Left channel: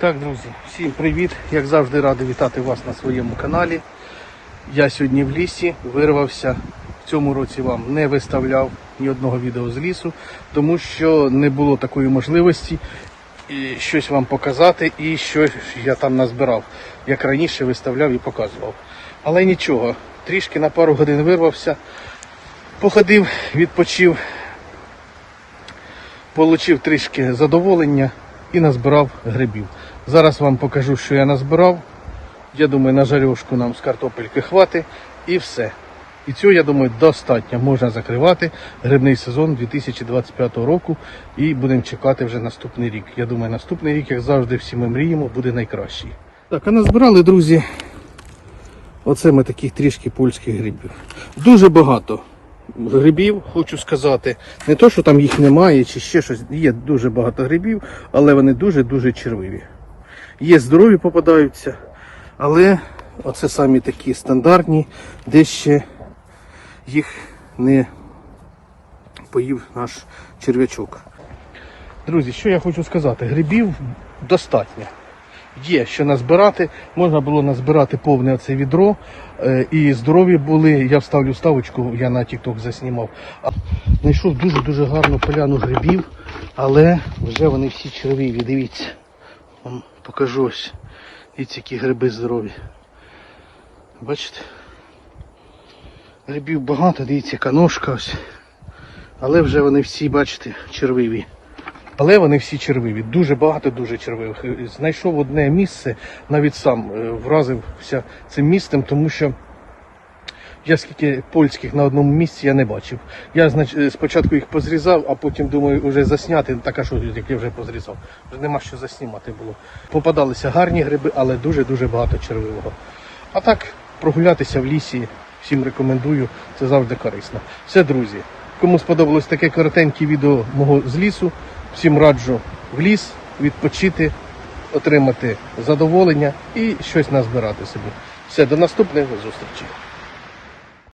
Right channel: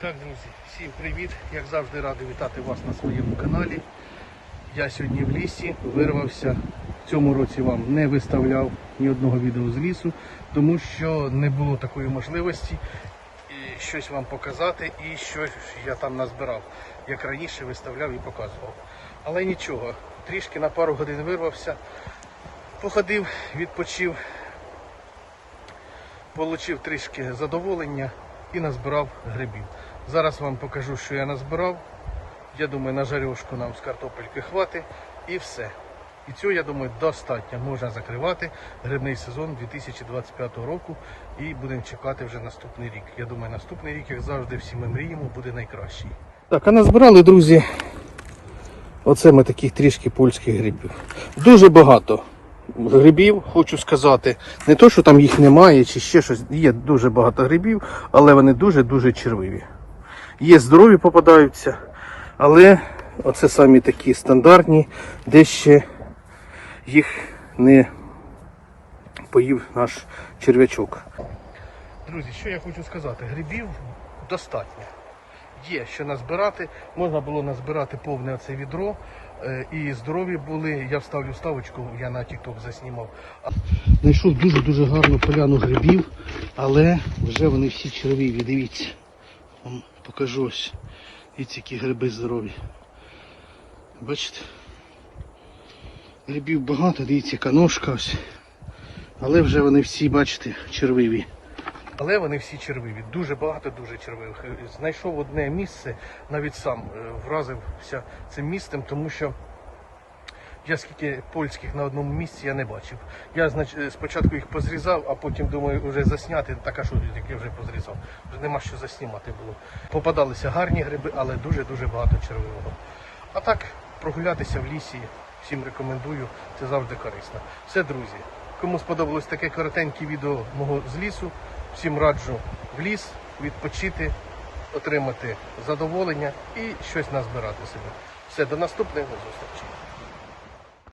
Так, друзі, всім привіт! Як завжди радий вітати вас на своєму каналі. Я сьогодні в лісі вирвався. В цьому році вам не виставляв ні одного відео з лісу, тому що не було такої можливості щось вам показати і щось я там назбирав, як раніше виставляв і показував. Але нічого, трішки на пару годин вирвався, походив, відпочив, Получив трішки задоволення і назбирав грибів. Зараз вам покажу, що я назбирав. Я думаю, на жарьошку нам з картопельки хватить і все. І цього, я думаю, достатньо. Можна закривати грибний сезон 2025 року і будемо чекати вже наступний рік. Я думаю, наступний рік, як завжди, всі ми мріємо, буде найкращий. Так, а назбирали, друзі. Оце ми таких трішки польських грибів. Дуже багато грибів, хочу сказати. Не то, що там їх немає чи ще щось. Є дуже багато грибів, але вони дуже-дуже червиві. Є здорові попадаються, але оце самі такі стандартні, де ще їх не поїв наш черв'ячок. Друзі, що я хочу сказати, грибів достатньо. Є що назбирати, можна було назбирати повне оце відро. е, І здорові були. Я вставлю ставочку, я на TikTok заснімав. Знайшов дуже-дуже гарну поляну грибів, але вже вони всі червиві. Дивіться. Вам покажу ось. І які гриби здорові. Бачите? Грибів багато, дивіться, яка ножка ось. Але вже вони всі, бачите, червиві. Але вони всі червиві, дуже багато, дуже червивих. Е, Знайшов одне місце, навіть сам е, вразився цим місцем, тому що я скільки польських на одному місці я не бачив. Я знач, е, спочатку їх позрізав, а потім думаю, вже засняти. Так а що як я вже позрізав? Вже нема що заснімати було. Попадалися гарні гриби, але дуже-дуже багато червивого. А так, прогулятися в лісі всім рекомендую, це завжди корисно. Все, друзі. Кому сподобалось таке коротеньке відео мого з лісу, всім раджу в ліс відпочити, отримати задоволення і щось назбирати собі. Все, до наступних зустрічей.